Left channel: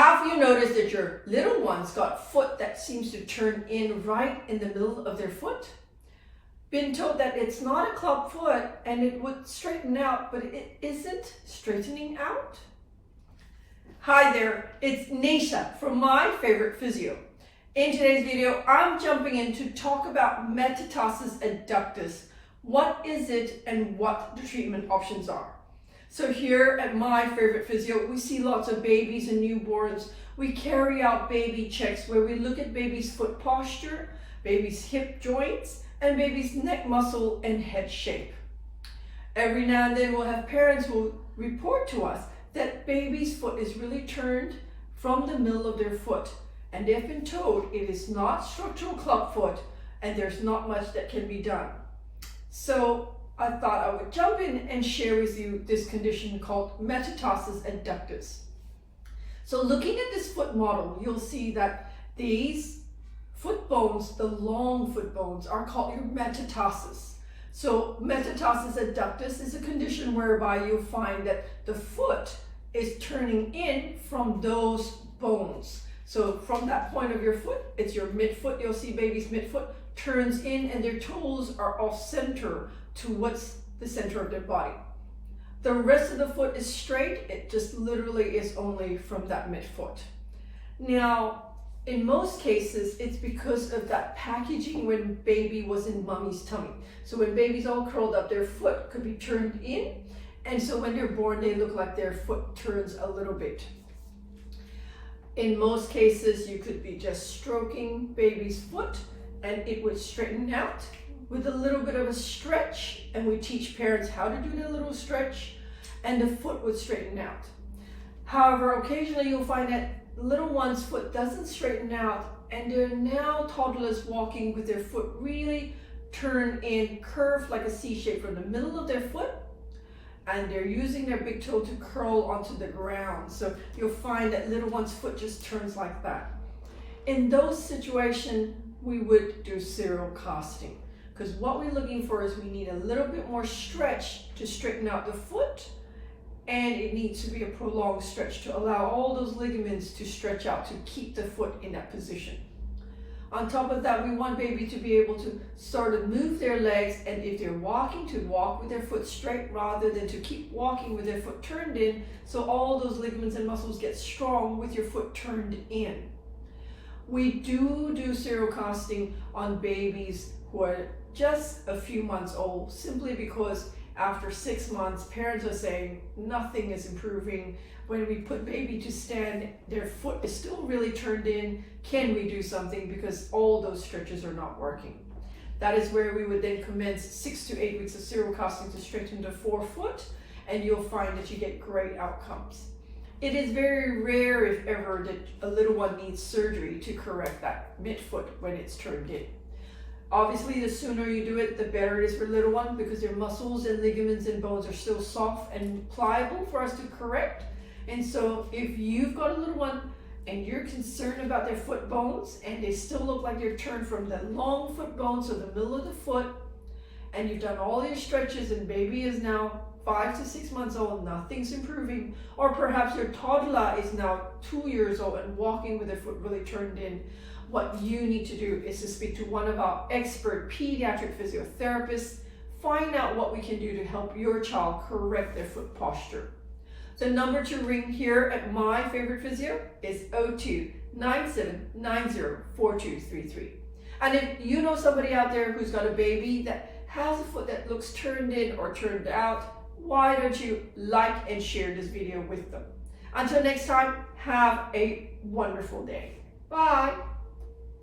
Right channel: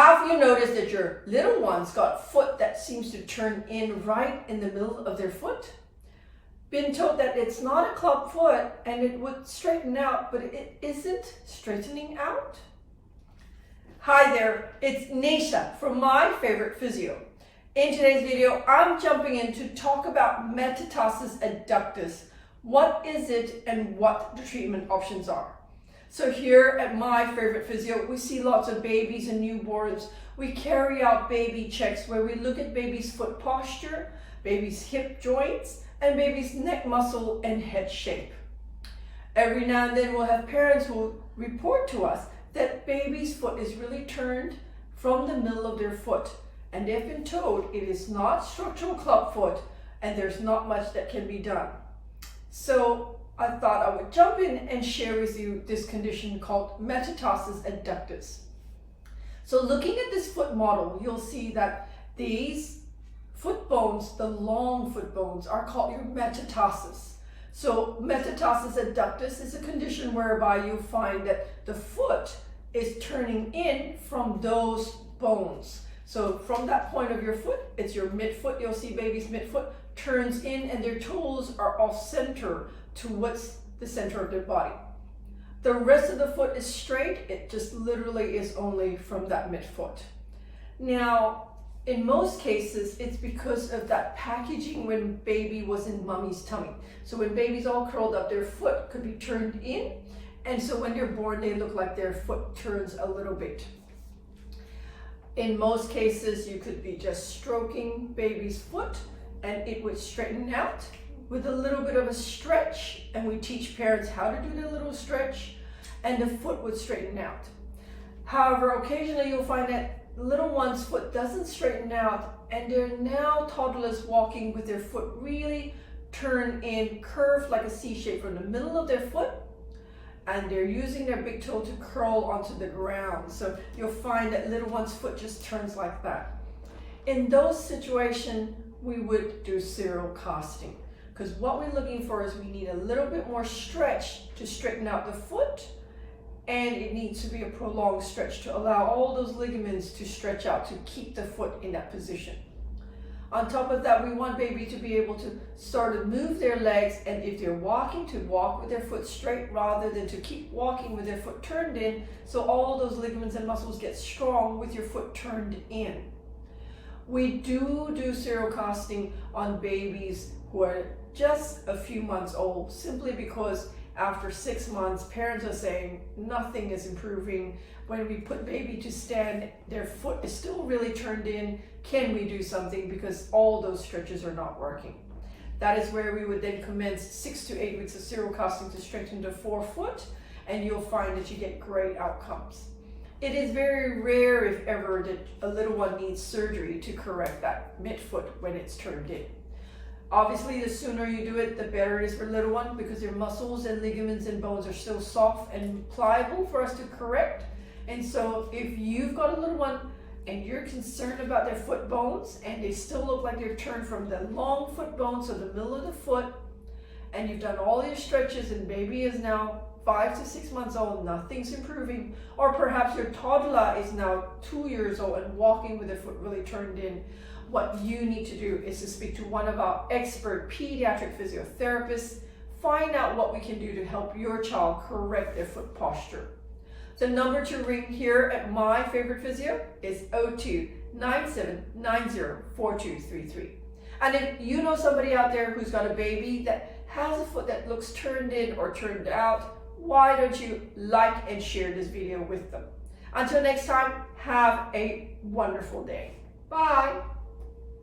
Have you noticed that your little one's got foot that seems to turn in right in the middle of their foot? Been told that it's not a club foot and it would straighten out, but it isn't straightening out? Hi there, it's Neesha from My Favorite Physio. In today's video, I'm jumping in to talk about metatarsus adductus. What is it and what the treatment options are? So here at My Favorite Physio, we see lots of babies and newborns. We carry out baby checks where we look at baby's foot posture, baby's hip joints, and baby's neck muscle and head shape. Every now and then we'll have parents who will report to us that baby's foot is really turned from the middle of their foot, and they've been told it is not structural club foot and there's not much that can be done. So I thought I would jump in and share with you this condition called metatarsus adductus. So looking at this foot model, you'll see that these foot bones, the long foot bones, are called your metatarsus. So metatarsus adductus is a condition whereby you'll find that the foot is turning in from those bones. So from that point of your foot, it's your midfoot. You'll see baby's midfoot turns in and their toes are off center towards the center of their body. The rest of the foot is straight. It just literally is only from that midfoot. Now, in most cases, it's because of that packaging when baby was in mommy's tummy. So when baby's all curled up, their foot could be turned in. And so when they're born, they look like their foot turns a little bit. In most cases, you could be just stroking baby's foot and it would straighten out with a little bit of a stretch, and we teach parents how to do the little stretch, and the foot would straighten out. However, occasionally you'll find that little one's foot doesn't straighten out, and they're now toddlers walking with their foot really turned in, curved like a C shape from the middle of their foot, and they're using their big toe to curl onto the ground. So you'll find that little one's foot just turns like that. In those situations, we would do serial casting. Because what we're looking for is we need a little bit more stretch to straighten out the foot, and it needs to be a prolonged stretch to allow all those ligaments to stretch out to keep the foot in that position. On top of that, we want baby to be able to start to move their legs, and if they're walking, to walk with their foot straight rather than to keep walking with their foot turned in, so all those ligaments and muscles get strong with your foot turned in. We do serial casting on babies who are just a few months old, simply because after 6 months, parents are saying nothing is improving. When we put baby to stand, their foot is still really turned in. Can we do something? Because all those stretches are not working. That is where we would then commence 6 to 8 weeks of serial casting to strengthen the forefoot, and you'll find that you get great outcomes. It is very rare, if ever, that a little one needs surgery to correct that midfoot when it's turned in. Obviously, the sooner you do it, the better it is for little one, because their muscles and ligaments and bones are still soft and pliable for us to correct. And so if you've got a little one and you're concerned about their foot bones and they still look like they're turned from the long foot bones to the middle of the foot, and you've done all your stretches and baby is now 5 to 6 months old, nothing's improving, or perhaps your toddler is now 2 years old and walking with their foot really turned in, what you need to do is to speak to one of our expert pediatric physiotherapists, find out what we can do to help your child correct their foot posture. The number to ring here at My Favorite Physio is 02-9790-4233. And if you know somebody out there who's got a baby that has a foot that looks turned in or turned out, why don't you like and share this video with them? Until next time, have a wonderful day. Bye.